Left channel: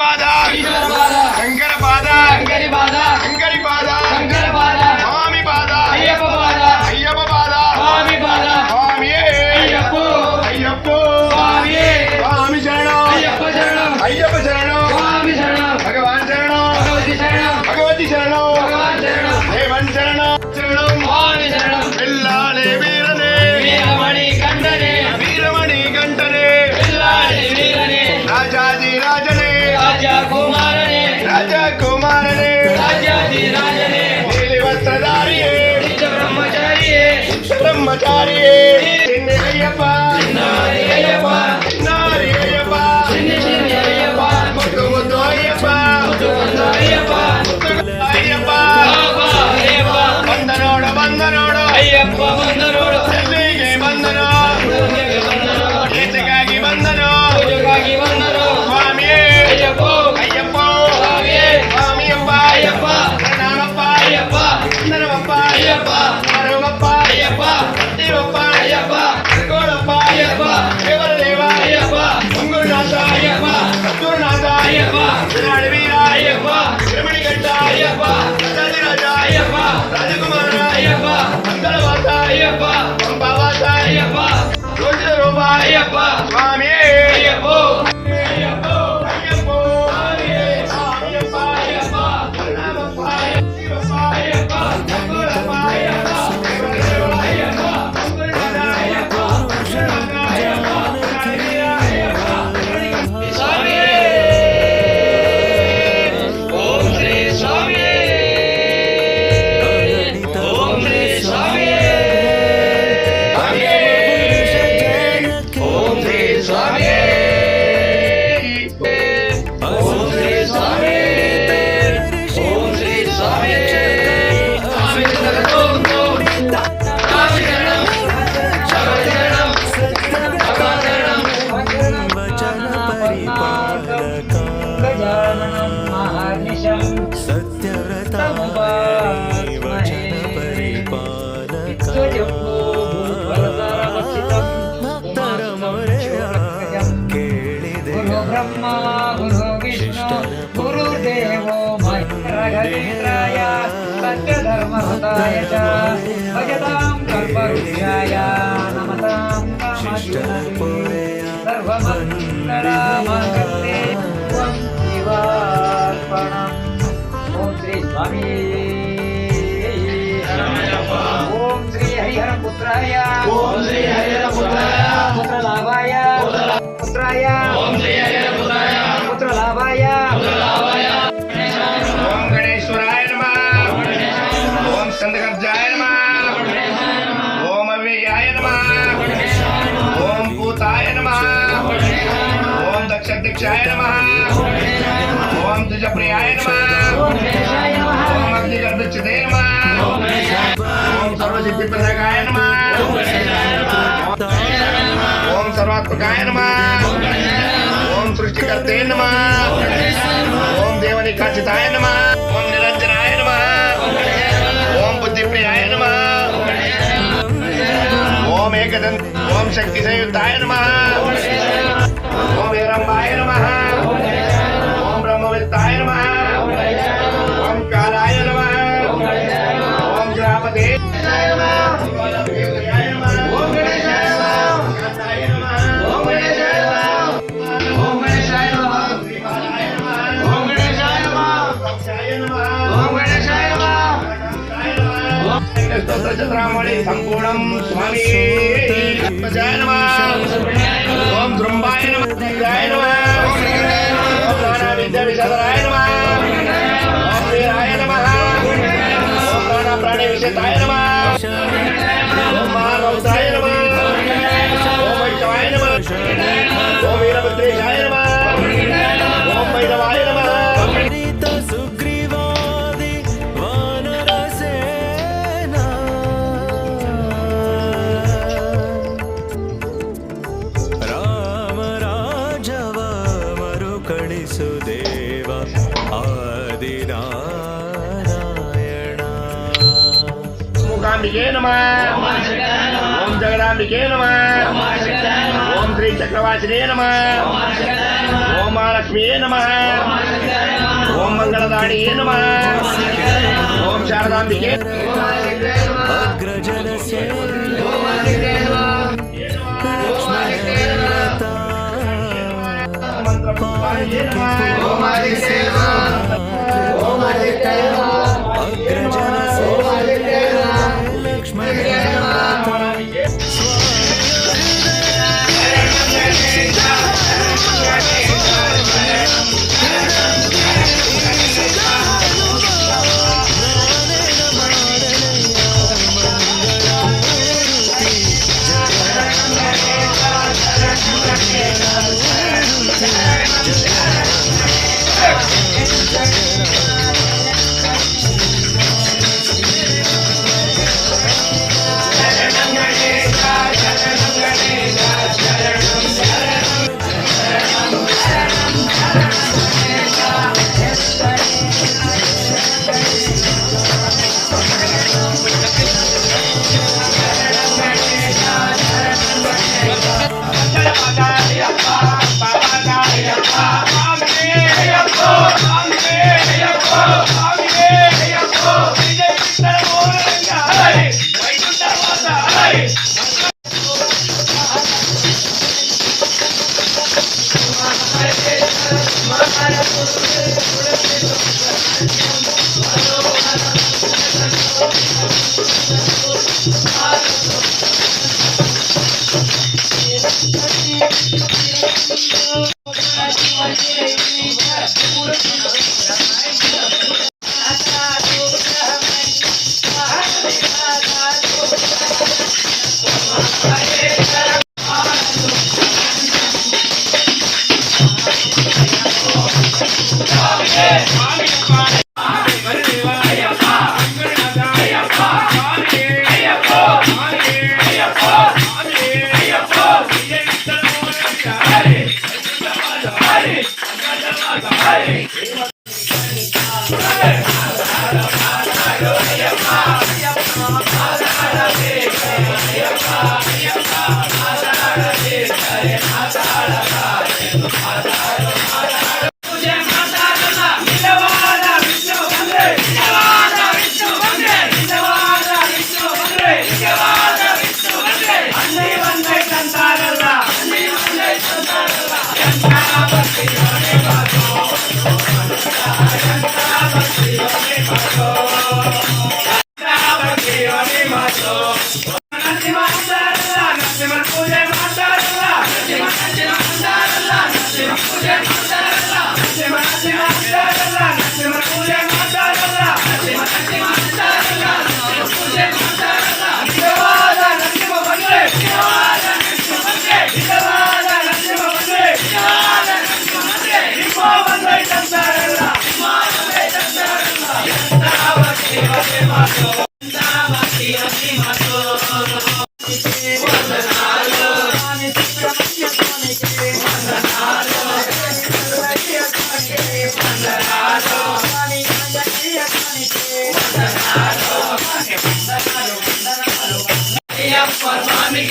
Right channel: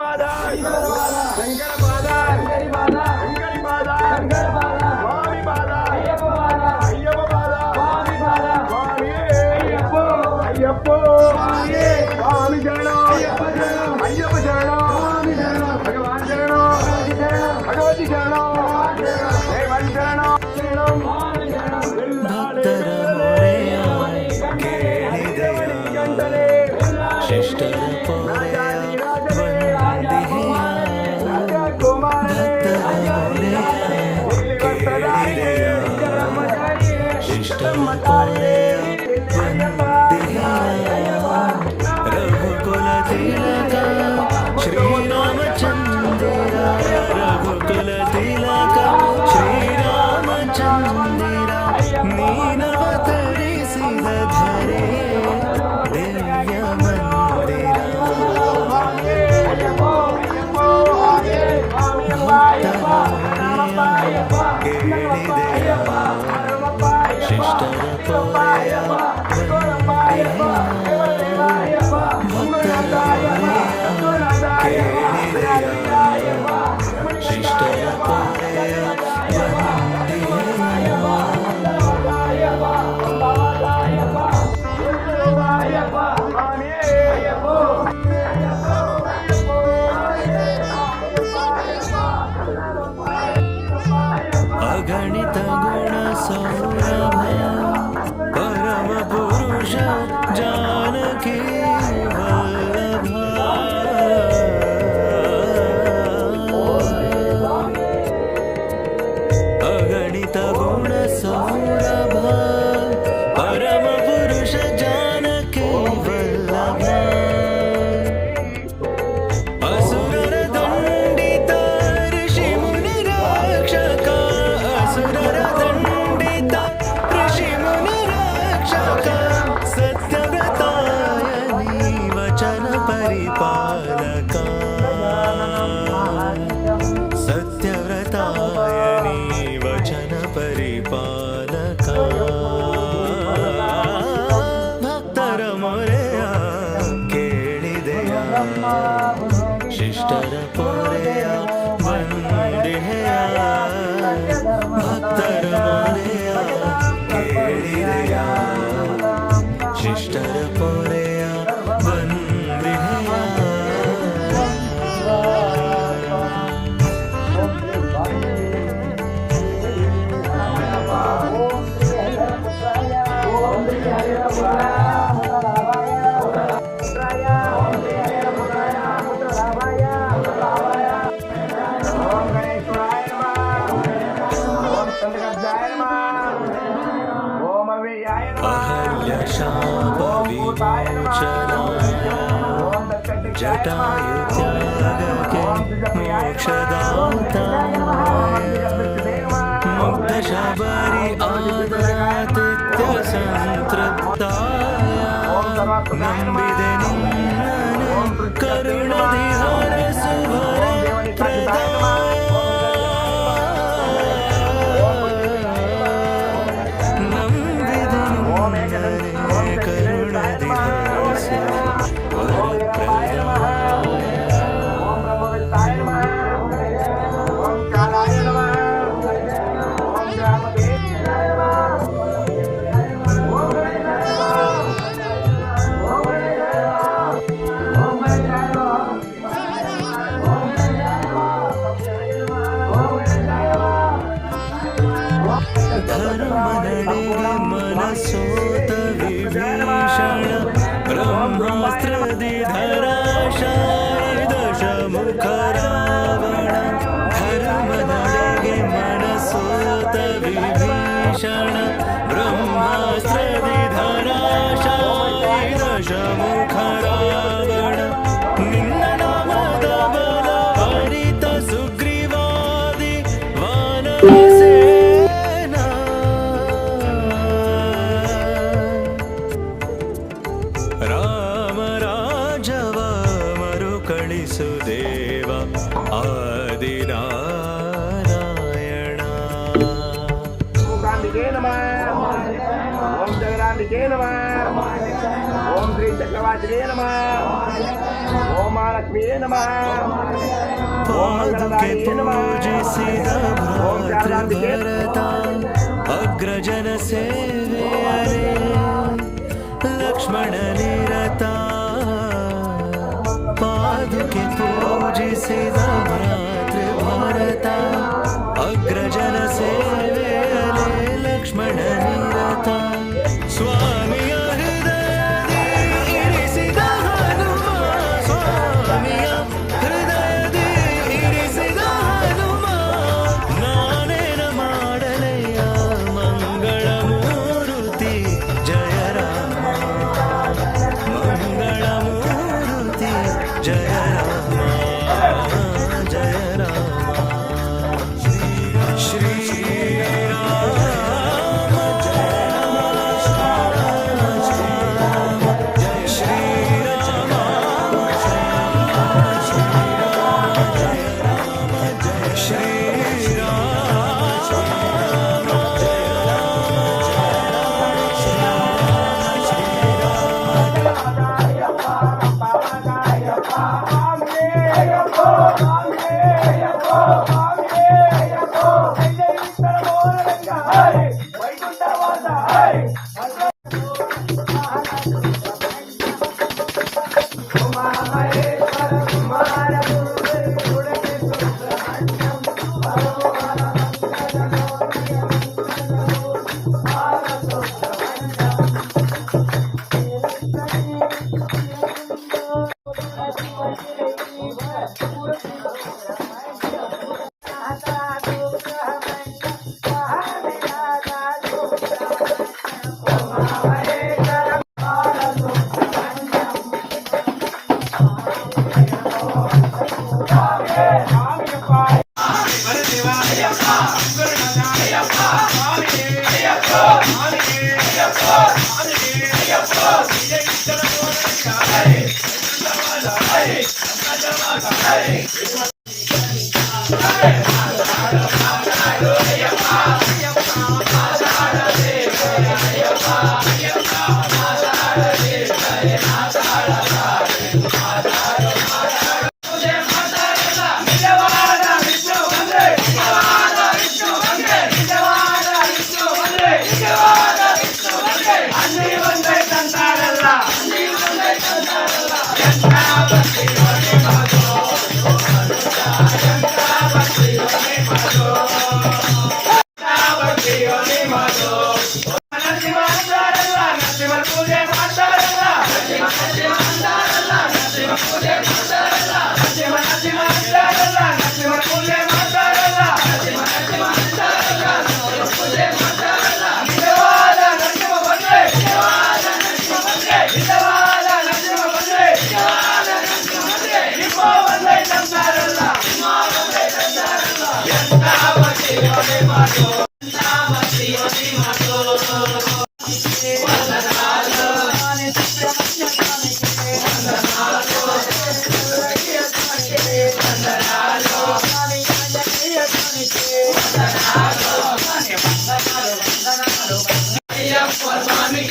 ಪಾದ ಶಂಕರ ಪಾದ ಶಂಕರಿ ಪಾದ ಶಂಕರಿ ಪಾದ ಶಂಕರ ಪಾದ ಸ್ವಾಮಿ ಪಾದ ಅಯ್ಯಪ್ಪ ಪಾದ ಅಯ್ಯಪ್ಪ ಪಾದ ಸ್ವಾಮಿ ಪಾದ ಸ್ವಾಮಿಯೇ ಅಯ್ಯಪ್ಪ ಅಯ್ಯಪ್ಪ ಸ್ವಾಮಿಯೇ ಸ್ವಾಮಿ ಶರಣ ಅಯ್ಯಪ್ಪ ಶರಣ ಅಯ್ಯಪ್ಪ ಶರಣ ಸ್ವಾಮಿ ಶರಣ ಭಗವಾನ್ ಶರಣ ಭಗವತಿ ಶರಣ ಭಗವತಿ ಶರಣ ಭಗವಾನ್ ಶರಣ ದೇವನ್ ಶರಣ ಶರಣ ಸ್ವಾಮಿ ಶರಣ ಬಿಲ್ಲಾಳೆ ವೀರನೇ ವೀರಮಣಿ ಕಂಠನೆ ವೀರಮಣಿ ಗಂಟನೆ ಬಿಲ್ಲಾಳೆ ವೀರನೇ ರಾಜಾದಿ ರಾಜನೇ ರಾಜಕುಮಾರನೇ ರಾಜಕುಮಾರನೇ ರಾಜಾದಿ ರಾಜನೇ ನೀಲಿ ವಸ್ತ್ರಧಾರಿಯೇ ನಿತ್ಯ ಬ್ರಹ್ಮಚಾರಿಯೇ ಬ್ರಹ್ಮಚಾರಿಯೇ ಅಯ್ಯಪ್ಪ ಅಯ್ಯಪ್ಪ ಅಯ್ಯಪ್ಪ ಅಯ್ಯಪ್ಪ ಮುದ್ದು ಮುದ್ದು ಅಯ್ಯಪ್ಪ ಅಯ್ಯಪ್ಪ ಬಂದ ನೋಡು ಅಯ್ಯಪ್ಪ ಬಂದರೋಡು ಸಭೆಗೆ ಬಂದನು ಗೀತೆಗಾಗಿ ಬಂದನು ಪೂಜೆಗಾಗಿ ಬಂದನು ಸ್ವಾಮಿಯೇ ಅಯ್ಯಪ್ಪ ಅಯ್ಯಪ್ಪ ಸ್ವಾಮಿಯೇ ಸ್ವಾಮಿಯಪ್ಪ ಅಯ್ಯಪ್ಪ ನಾನಪ್ಪ ಅಯ್ಯಪ್ಪ ನರವಪ್ಪ ಅಯ್ಯಪ್ಪ ಅರುಣಪ್ಪ ಅಯ್ಯಪ್ಪ ದೇವಪ್ಪ ಅಯ್ಯಪ್ಪ ಗೋಳಪ್ಪ ಅಯ್ಯಪ್ಪ ದೇವರದೇವ ಅಯ್ಯಪ್ಪ ಮಂಗಳನಾಥ ಅಯ್ಯಪ್ಪ ಗುರುನಾಥ ಅಯ್ಯಪ್ಪ ವಿರಾಟ್ ವೀರ ಅಯ್ಯಪ್ಪ ರಮಣಿಗಂಟ ಅಯ್ಯಪ್ಪ ರಾಜರಾಜ ಅಯ್ಯಪ್ಪ ರಾಜಕುಮಾರ ಅಯ್ಯಪ್ಪ ಮಂಗಳವಾಸ ಅಯ್ಯಪ್ಪ ಅಂಬಾವಾಸ ಅಯ್ಯಪ್ಪ ರುದ್ರರೂಪ ಅಯ್ಯಪ್ಪ ಸ್ವಾಮಿಯೇ ಅಯ್ಯಪ್ಪ ಅಯ್ಯಪ್ಪ ಅಯ್ಯಪ್ಪ ಅಯ್ಯಪ್ಪ ಅಗಣಿತ ಗುಣ ಸೌರಭ ಪರಮ ಪುರುಷ ಜಾನಕಿ ಓಂ ಶ್ರೀ ಸ್ವಾಮಿಯೇ ಅಗಣಿತ ಗುಣ ಸೌರಭ ಪರಮ ಪುರುಷ ಜಾನಕಿ ಓಂ ಶ್ರೀ ಸ್ವಾಮಿಯೇ ಅಸುರ ದಂಡಿತ ಋಷಿ ಮುನಿ ರಕ್ಷಕ ಅಸುರ ದಂಡಿತ ಋಷಿ ಮುನಿ ರಕ್ಷಕ ಸತ್ಯವ್ರತ ವಚನ ಪರಿಪಾಲಕ ಸತ್ಯವ್ರತಾಯನಿ ವಚನ ಪರಿಪಾಲಕ ಭಕ್ತರ ಮೊರೆಯ ಕೇಳಿದೆಯ ಶಿಷ್ಟರ ಪೊರೆಯ ವಂದೆಯ ಭಕ್ತರ ಮೊರೆಯ ಕೇಳಿದೆಯ ಶಿಷ್ಟರ ಪೊರೆಯ ವಂದೆಯ ಓಂ ಶ್ರೀ ಸ್ವಾಮಿ ಓಂ ಶ್ರೀ ಹರಿಹರ ಪುತ್ರಾಯ ಓಂ ಶ್ರೀ ಹರಿಹರ ಪುತ್ರಾಯ ಪುತ್ರ ಲಾಭಾಯ ಪುತ್ರಾಯ ಓಂ ಶ್ರೀ ಹರಿಹರ ಪುತ್ರಾಯ ಪುತ್ರ ಲಾಭಾಯ ಓಂ ಗಣೇಶ್ವರಾಯ ನಮಃ ಓಂ ಸ್ಕಂದಗರ್ಜಾಯ ನಮಃ ಓಂ ಅವ್ಯಯಾಯ ನಮಃ ಓಂ ಭೂತಾಯ ನಮಃ ಓಂ ದಕ್ಷಾಯ ನಮಃ ಓಂ ದ್ವಿಜಪ್ರಿಯಾಯ ನಮಃ ಓಂ ಅಗ್ನಿಗರ್ಭಚ್ಯುತೇ ನಮಃ ಓಂ ಸರ್ವಾತ್ಮಕಾಯ ನಮಃ ಓಂ ಸೃಷ್ಟಿಕರ್ತೆ ನಮಃ ಓಂ ದೇವನಿಕಾಚಿತಾಯ ನಮಃ ಓಂ ನಿರಂಜನಾಯ ನಮಃ ಓಂ ಬುದ್ಧಿಪ್ರಿಯಾಯ ನಮಃ ಓಂ ಏಕದಂತ ಓಂ ಶಕ್ತಿ ಸಂಯುಕ್ತಾಯ ನಮಃ ಓಂ ಹಿರಂಬಾಯ ನಮಃ ಓಂ ಬ್ರಹ್ಮವಿತ್ತಾಯ ನಮಃ ಓಂ ಕಾಲಾಯ ನಮಃ ಓಂ ಗ್ರಾಪದೇ ಓಂ ಗಣೇಶಾಯ ನಮಃ ಓಂ ಗಣೇಶಾಯ ನಮಃ ಓಂ ಗಣೇಶಾಯ ನಮಃ ಓಂ ಗಣೇಶಾಯ ನಮಃ ಓಂ ಗಣೇಶಾಯ ನಮಃ ಮನಸೋತ ವಿಭೀಷಣ ಬ್ರಹ್ಮಾಸ್ತ್ರದಿಧರ ದಶಮುಖರ ಮನಸೋತ ವಿಭೀಷಣ ಬ್ರಹ್ಮಾಸ್ತ್ರದಿಧರ ಅಮೃತ ಸುಗ್ರೀವಾದಿ ವಾನರಸೇನ ರಾಮ ರಾಜವ ಮರುಕಳಿಸು ದೇವ ಆದಿನಾರಾಯಣ ಮೂಕಾಂಬಿಕೆ ನಮಃ ಓಂ ಜಗದಾಂಬಿಕೆ ನಮಃ ಓಂ ಶ್ರೀ चक्रवासिने नमः ओम महालक्ष्मी नमः ओम मंगलदायिने नमः ओम शारदांबिके अग्रजन से लक्ष्मण वीरता पादुके पूजिसे मातृभारता अग्रजन से लक्ष्मण वीरता स्वामी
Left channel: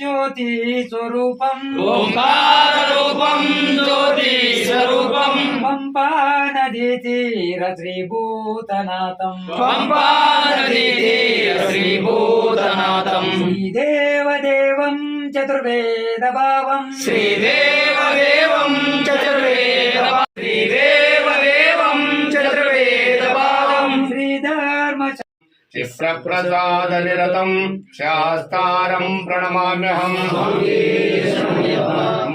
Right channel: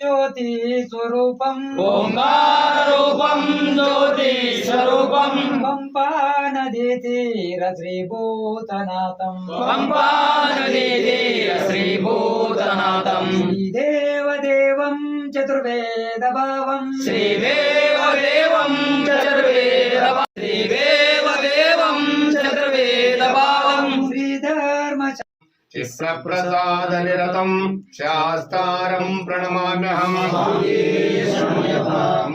ज्योति स्वरूपम ओंकार रूपम ज्योति स्वरूपम पंपा नदी तीर श्रीभूतनाथम पंपा नदी तीर श्रीभूतनाथम श्रीदेवदेवं चतुर्वेद भावं श्रीदेवदेवं चतुर्वेदं श्रीधर्म चिप्रप्रसादनिरतं शास्तारं प्रणमाम्यहम्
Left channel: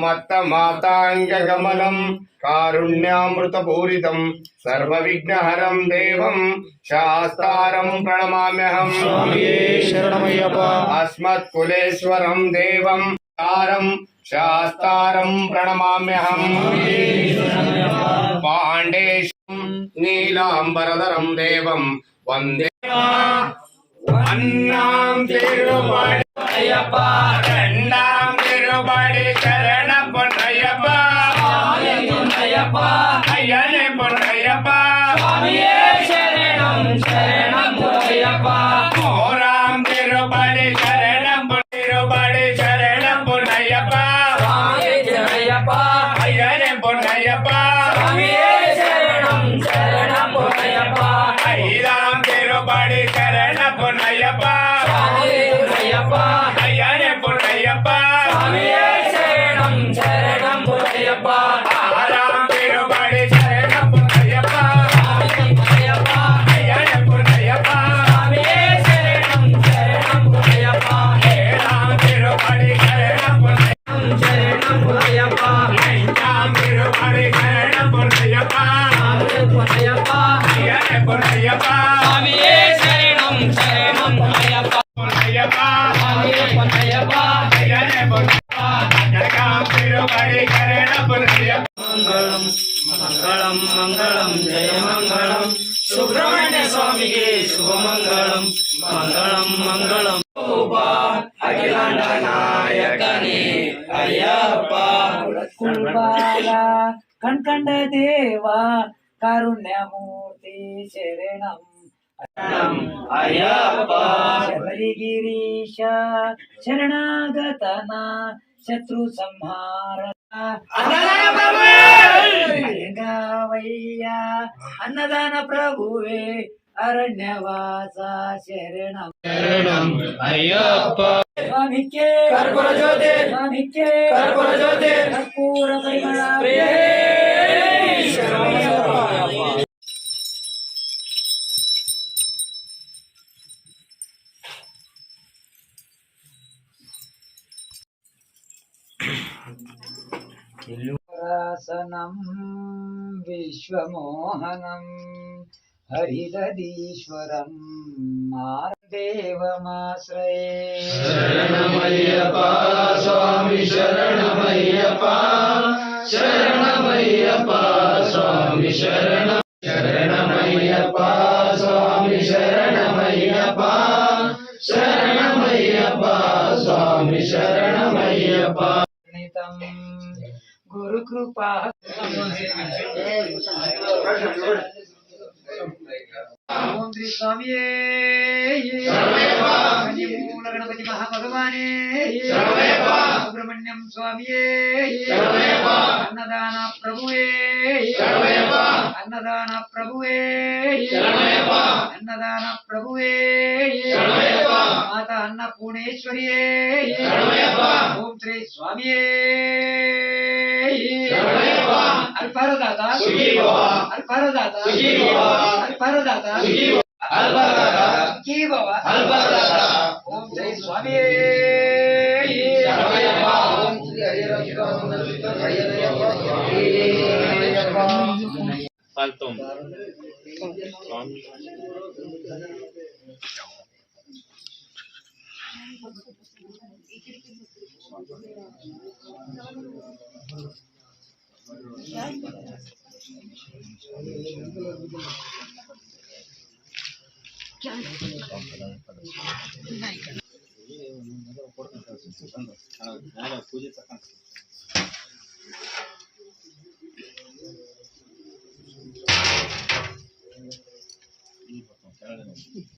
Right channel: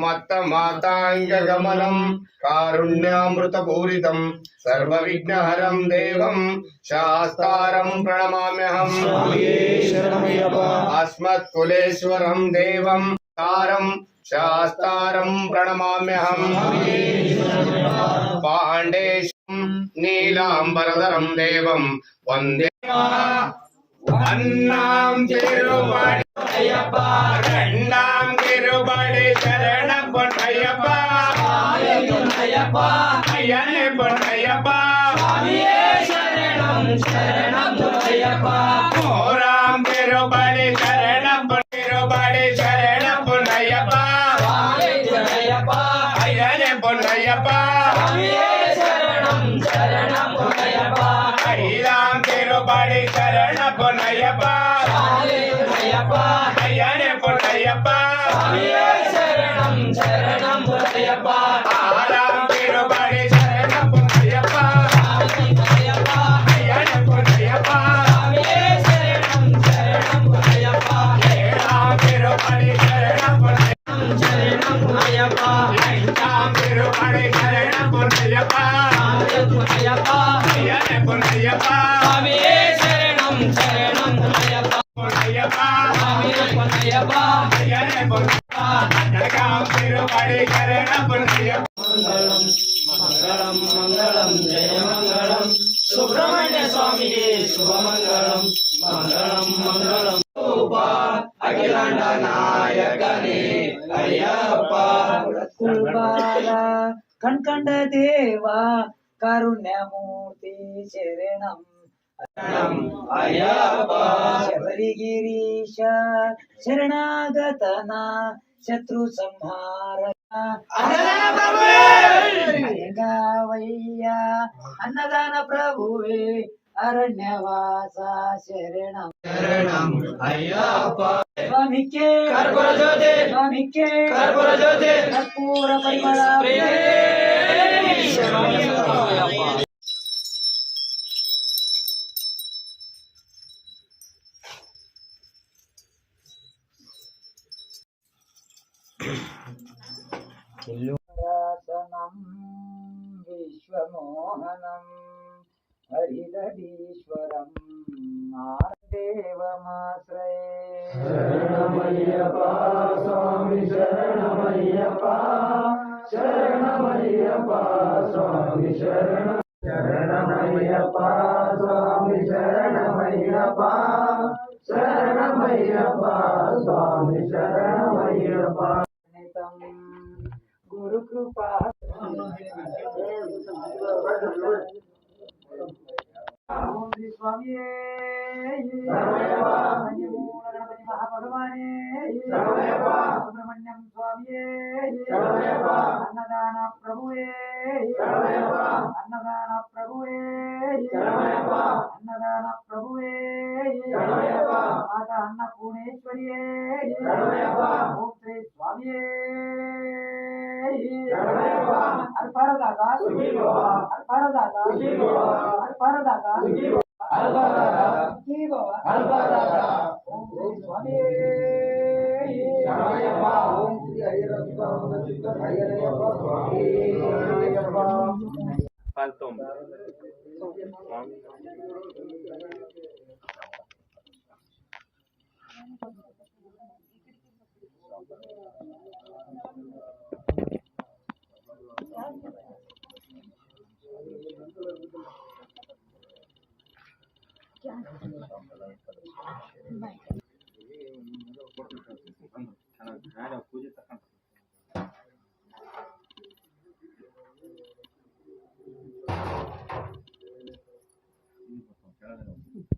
मत्तमाताङ्गगमनं कारुण्यामृतपूरितं सर्वविघ्नहरं देवं शास्तारं प्रणमाम्यहं स्वामिये शरणमय्यप्प अस्मत्कुलेश्वरं देवं तारं शास्तारं प्रणमाम्यहं पाण्डेशं नीलाम्बरधरं देवं वन्दे अन्नां तिरुपति అయ్యప్ప रण्डां तिरुपति शरण पुण्यप्प అయ్యప్ప अय्यने पुण्यप्प స్వామియే శరణం శరణం అయ్యప్ప मोरां तिरुपति शरण पुण्यप्प స్వామియే అయ్యప్ప अय्यने पुण्यप्प స్వామియే శరణం శరణం అయ్యప్ప अय्यां तिरुपति शरण पुण्यप्प స్వామియే అయ్యప్ప अय्यने पुण्यप्प స్వామియే శరణం శరణం అయ్యప్ప आरां तिरुपति शरण पुण्यप्प అయ్యప్ప अय्यने पुण्यप्प స్వామియే శరణం శరణం అయ్యప్ప ఏలాం తిరుపతి శరణ పుణ్యప్ప శరణం అయ్యప్ప ఐందాం తిరుపతి శరణ పుణ్యప్ప అయ్యప్ప అయ్యనే పుణ్యప్ప స్వామియే శరణం శరణం అయ్యప్ప పుణ్యప్ప అయ్యప్ప అయ్యనే పుణ్యప్ప అయ్యాం తిరుపతి శరణ పుణ్యప్ప మంగళం మంగళం మంగళం జయ మంగళం సుబ్రహ్మణ్య స్వామికి శుభమంగళం మంగళం మంగళం అఖిలాండ నాయకని అయ్యప్ప కుల్బాల కణ్కండ దేవా కారుణ్యమూర్తి శరణం అయ్యప్ప శబరిగిరీశ శరణాగతన శత్రు సంహార అయ్యా అన్నదాన ప్రభువే అరణ్యవాస శరణం శరణం అయ్యప్ప స్వామికే కర్పూర జ్యోతి స్వామికే కర్పూర జ్యోతి కర్పూర పరిమళ శరణమయ్యప్ప రాసనం విశ్వమోహనం హరిదీశ్వరం దేవమాశ్రయే శరణమయ్యప్ప స్వామి శరణమయ్యప్ప శరణమయ్యప్ప స్వామి శరణం శరణమయ్యప్ప స్వామి శరణమయ్యప్ప శరణమయ్యప్ప స్వామి శరణమయ్యప్ప నితం గురు కృపా ఓం శ్రీ స్వామియే మూల గణపతి మహాభగవానే సుబ్రహ్మణ్యం స్వామియే అన్నదాన ప్రభువే అన్నదాన ప్రభువే అన్నదాన ప్రభువే మాత అన్నపూర్ణేశ్వరియే ఓం శ్రీ స్వామియే అల్పారదాత అల్పారదాత అల్పారదాత की बाबा ओम जय स्वामी ओम श्री